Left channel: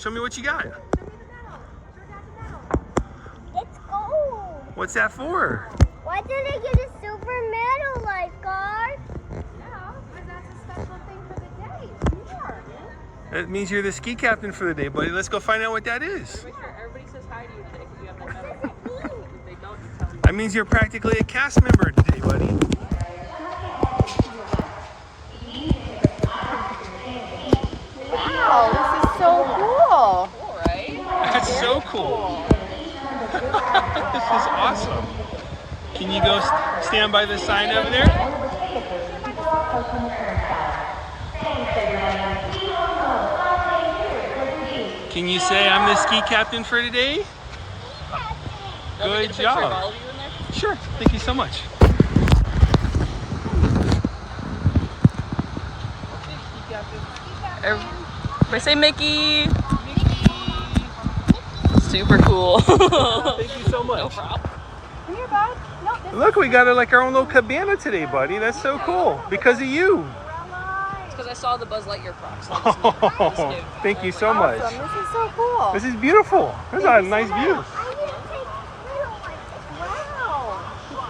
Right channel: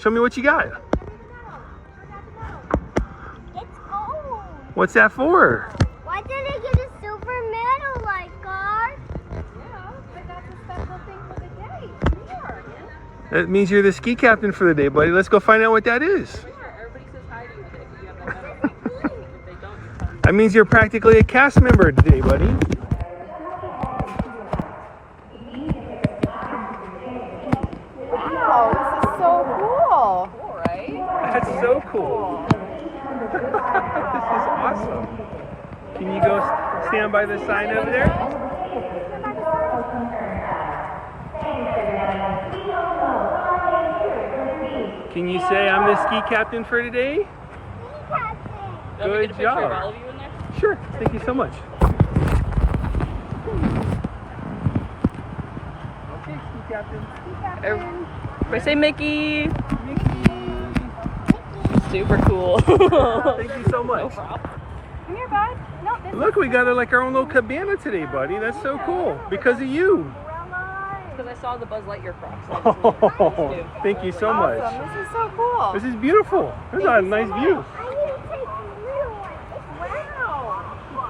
Show me what you got. It's gold. What's that for? Why did they give a silver medal, lifeguard? Yeah, because that's a special thing for the day. Sure. That means you're the ski captain for the day, buddy. Let's go find out what that is. Everybody says hi to you today because you have no medal. If they don't, you tell them. That means you're practically a cast member today, buddy. Wow, this is so cool. Cool, right? That's so cool. This is awesome. Can you go stand by the sign over there? Can you say I'm the ski captain for today? Good job. Sure. Thank you so much. Okay, ski captain. Everybody say Mickey. Super cool. Thank you so much. No problem. Here, guys. Look, we got like our own little cabana today, buddy. That's so cool. Because of you. It's because I saw the Buzz Lightyear box. Oh, thank you so much. This is so cool. This is beautiful. There's a nice view. I didn't take the little one. Wow.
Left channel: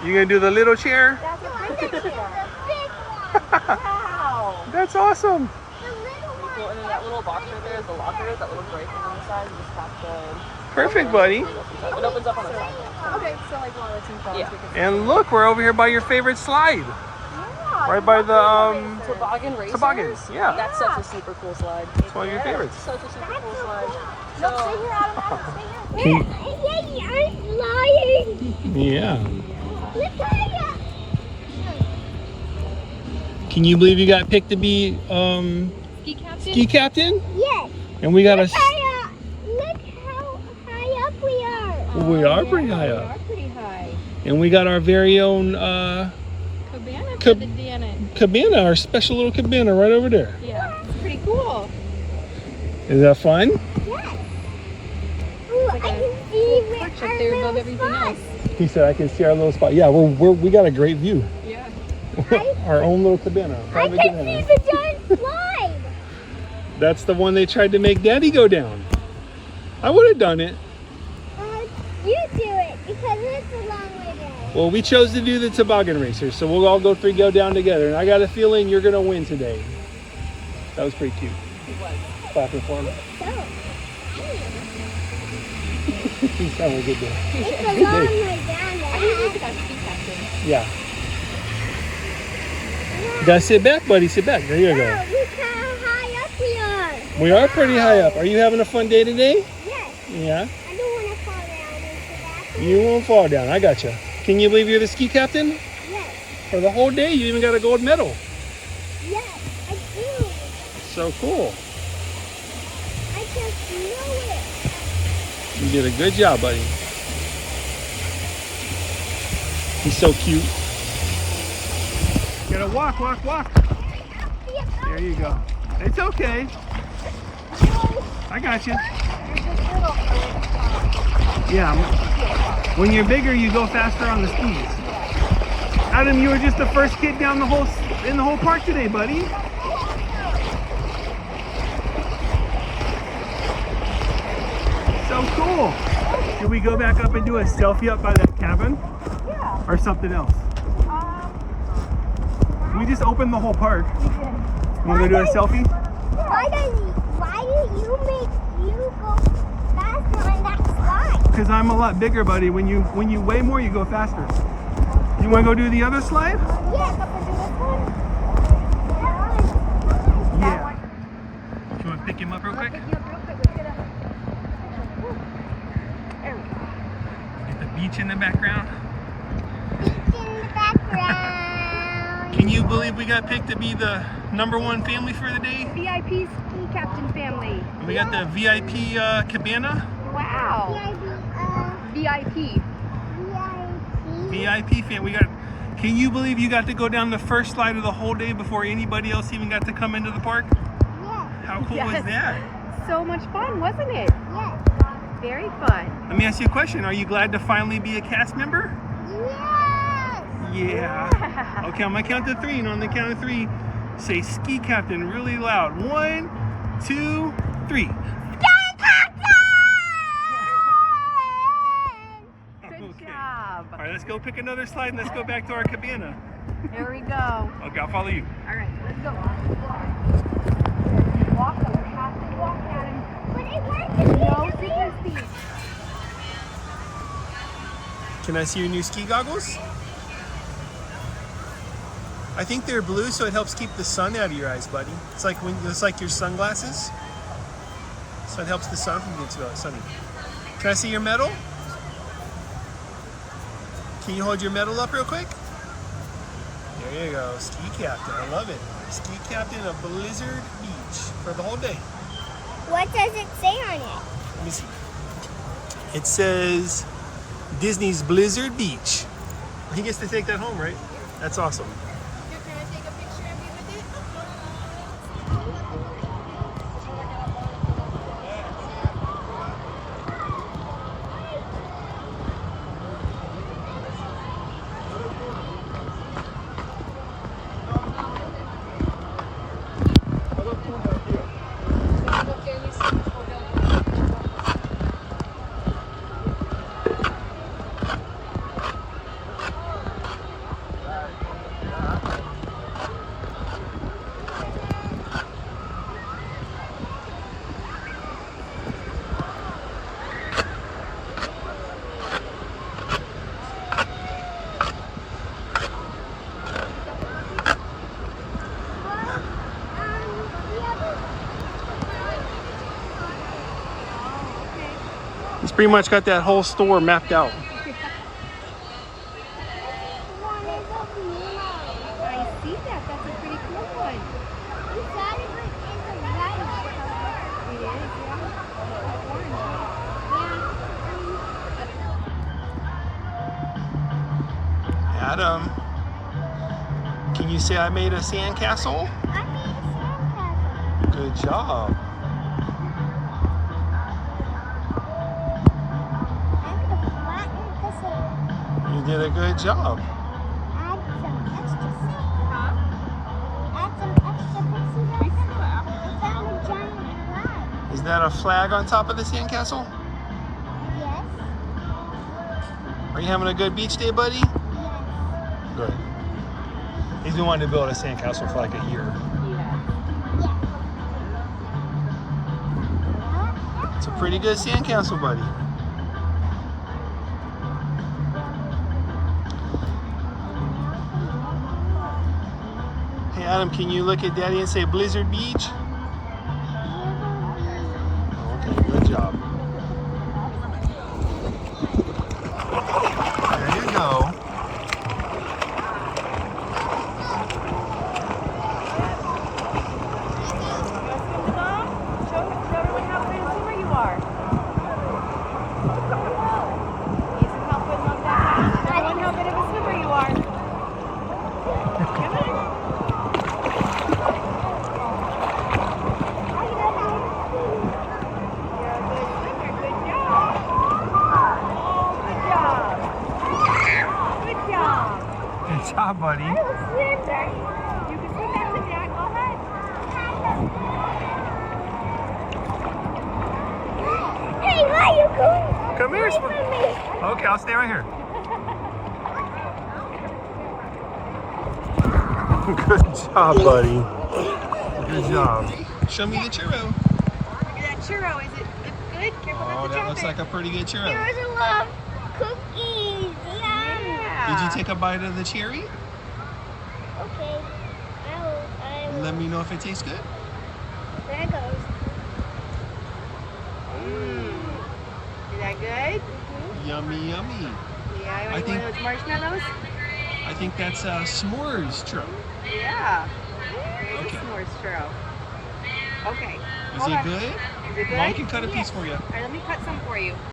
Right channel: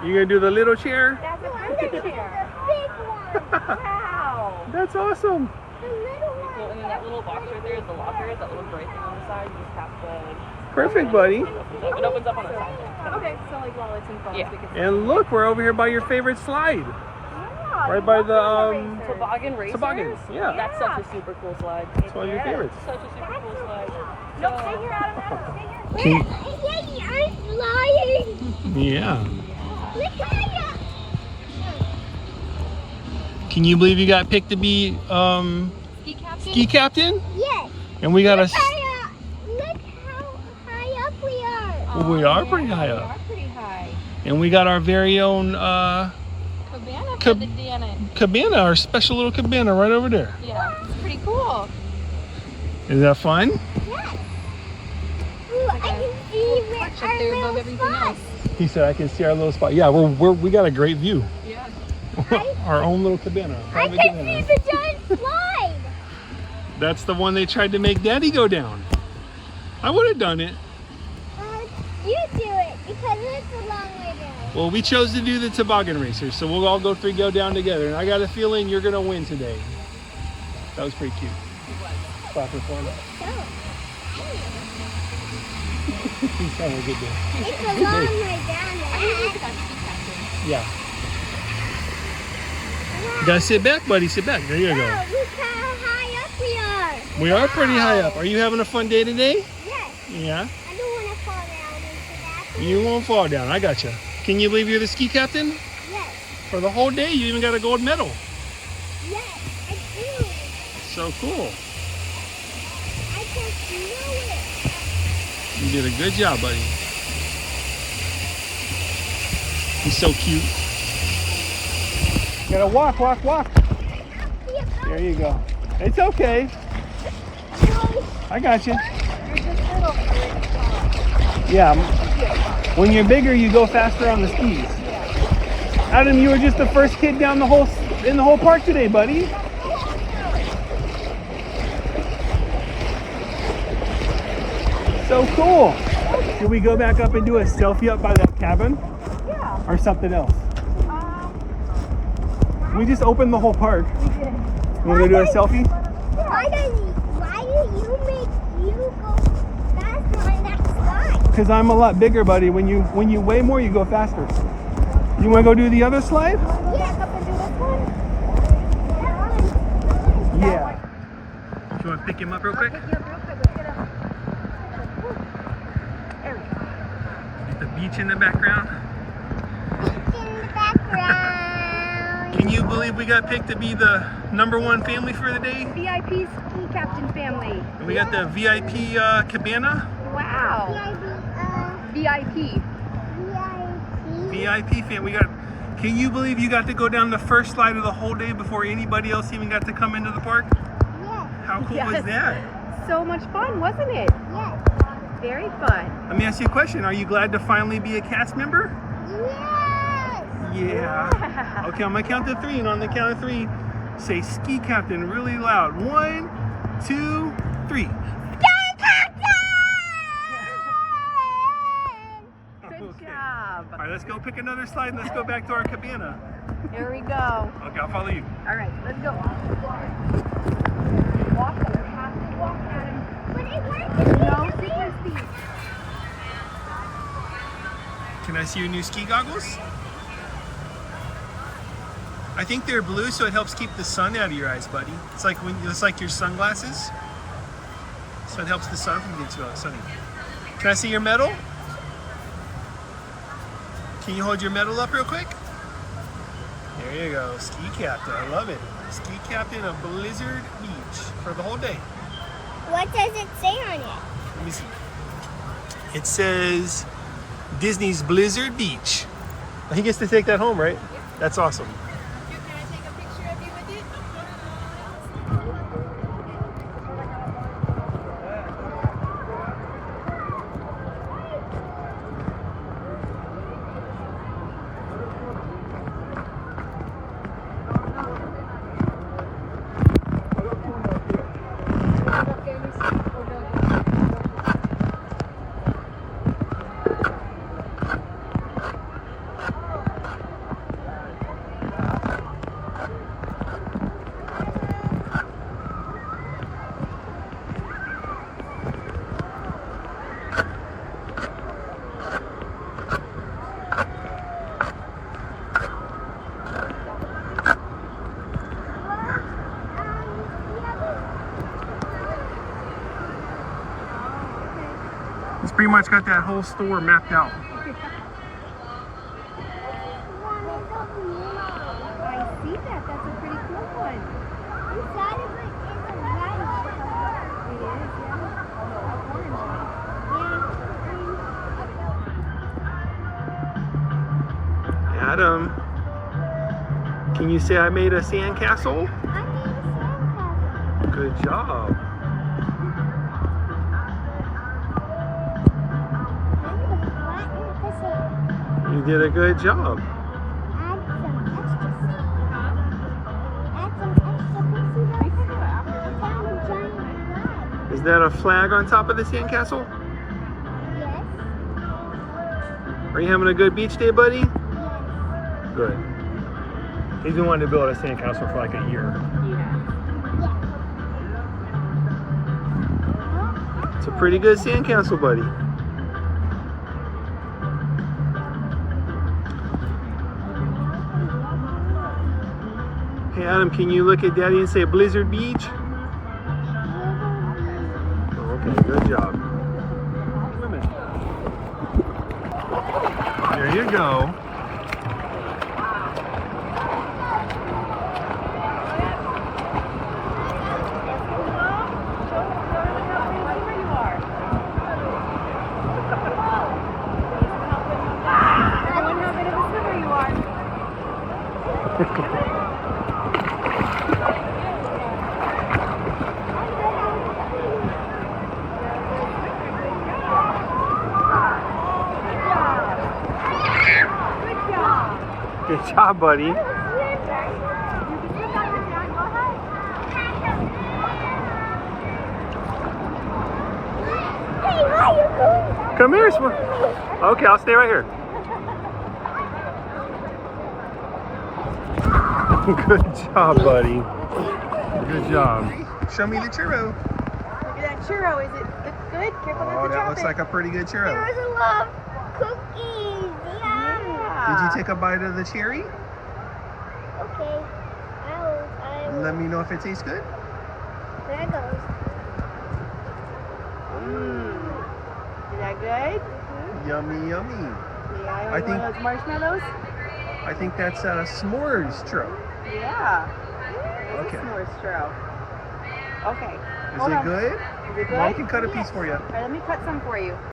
You gonna do the little chair? No, I'm going to do the big one. Wow. That's awesome. The little one. So in that little box right there is the locker, that little break on the side. You just tap the... Perfect, buddy. It opens up on its own. Okay, so like while it's in front, we can... And look, we're over here by your favorite slide. Right by the Toboggan racers? toboggans. Yeah. That's such a super cool slide. It's one of your favorites. Such a super cool slide. Look, So, figure out how to figure I'm flying. Yeah. Look how Can you believe you got picked to be ski captain? ski captain? Yes. And we got a. Look how high up we are. We are pretty high We up. are pretty high. And we got our very own Cabana for Cab- the Deanna. cabana, our special little cabana right over there. Yeah, it's pretty cool. Is that fun? Yes. Ooh, I can see where Perch up our there above little everything spot. else. He said I can see our little spot. Yeah, we got a great view. Yeah. Our own little cabana. I private can cabana. see the giant slide. That's the one they tried to make Daddy go down. I would have done it. You do it because it's a long way down. Well, we chose to do the toboggan racers, so we'll all go down together. And I got a feeling you're gonna win today. That was pretty cute. Clapping for him. So, He's having a good day. it's a long way down. Yeah. You gotta sit back, buddy. Sit back. There you go. Wow, look how high up we are. We are pretty high up. Are you having a fun day today? Yes. Yeah. I don't want to fall down into that. You won't fall down. I gotcha. Can you believe you're the ski captain? Yes. For the whole day, you even got a gold medal. Yes, I do. So cool. I just know it. You did a good job, buddy. He's so cute. You gotta walk. There you go. It's okay. I got you. Yeah. When you're bigger, you go faster on the skis. Adam, you were just the first kid down in the whole park today, buddy. So cool. Should we go back up and do a selfie up by that cabin? Yeah. Or something else? We just opened the whole park. You want to do a selfie? Why do you make you go faster on that slide? Because I'm a lot bigger, buddy. When you weigh more, you go faster. You want to go do the other slide? Yes, up and do this one. Yeah. Do you want to pick him up real quick? There we go. Get the beach in the background. Beach in the background. Can you believe we got picked to be the #1 family for the day? VIP ski captain family. And we got the VIP cabana. Wow. VIP. VIP fan. Can you believe you got to go down the first slide of the whole day before anybody else even got to come into the park? Yes. How cool was that? So much fun, wasn't it? Yes. Very fun. Let me ask you a question. Are you glad to finally be a cast member? Yes. Yeah. Okay, I'm gonna count to 3, and on the count of 3, say ski captain really loud. 1, 2, 3. Ski go pick another slide and let's go back to our cabana. Here we go. Okay, I'll follow you. All right, let's go. Walk, you have to walk at him. But it works. No super speed. Can I see your new ski goggles? I think they're blue, so it helps keep the sun out of your eyes, buddy. It's like your sunglasses. So it helps the sun from getting too sunny. Can I see your medal? Can you hold your medal up real quick? There you go, ski captain. I love it. Ski captain of Blizzard Beach for the whole day. What does it say on it? Let me see. It says Disney's Blizzard Beach. He gets to take that home, right? That's awesome. Can I take a picture of you with it? He's pretty much got that whole store mapped out. I see that. That's a pretty cool one. You got it, but it's a light color. It is, yeah. Adam, can you say I made a sandcastle? I made a sandcastle. Good job. You did a good job. Add some extra pixie dust. I found a giant flag. Is that a flag on top of the sandcastle? Yes. Are you having a good beach day, buddy? Yes. Good. He's been wanting to build a sandcastle for like a year. It's a pretty good sandcastle, buddy. Hey Adam, can you look at Daddy and say Blizzard Beach? Okay, good job. There you go. Show her how big a swimmer you are. Ethan, help put him up that high. Show everyone how big of a swimmer you are. Come here. You're a good swimmer. Good job. Oh, good job. Good job. Good job, buddy. I will swim back. You can swim back to Dad. Go ahead. Hey, why are you going? Come here, Away swim. from me. Okay, I'll stay right here. Good job, buddy. Good job. Show me the churro. Look at that churro. Is it look good? Careful Oh, not to that drop looks it. like a pretty good churro. Here's a love cookies. Yeah. Did you take a bite of the cherry? Okay. I will. Let me know if it tastes good. There it goes. Is that good? Yummy, yummy. Yeah, you I want think- one of those marshmallows? I think that's s'mores churro. Yeah. There's Okay. a s'mores churro. Okay. Is Hold it on. good? Is it good? Mom can cut a Yes. piece for you. All right, let me cut some for you.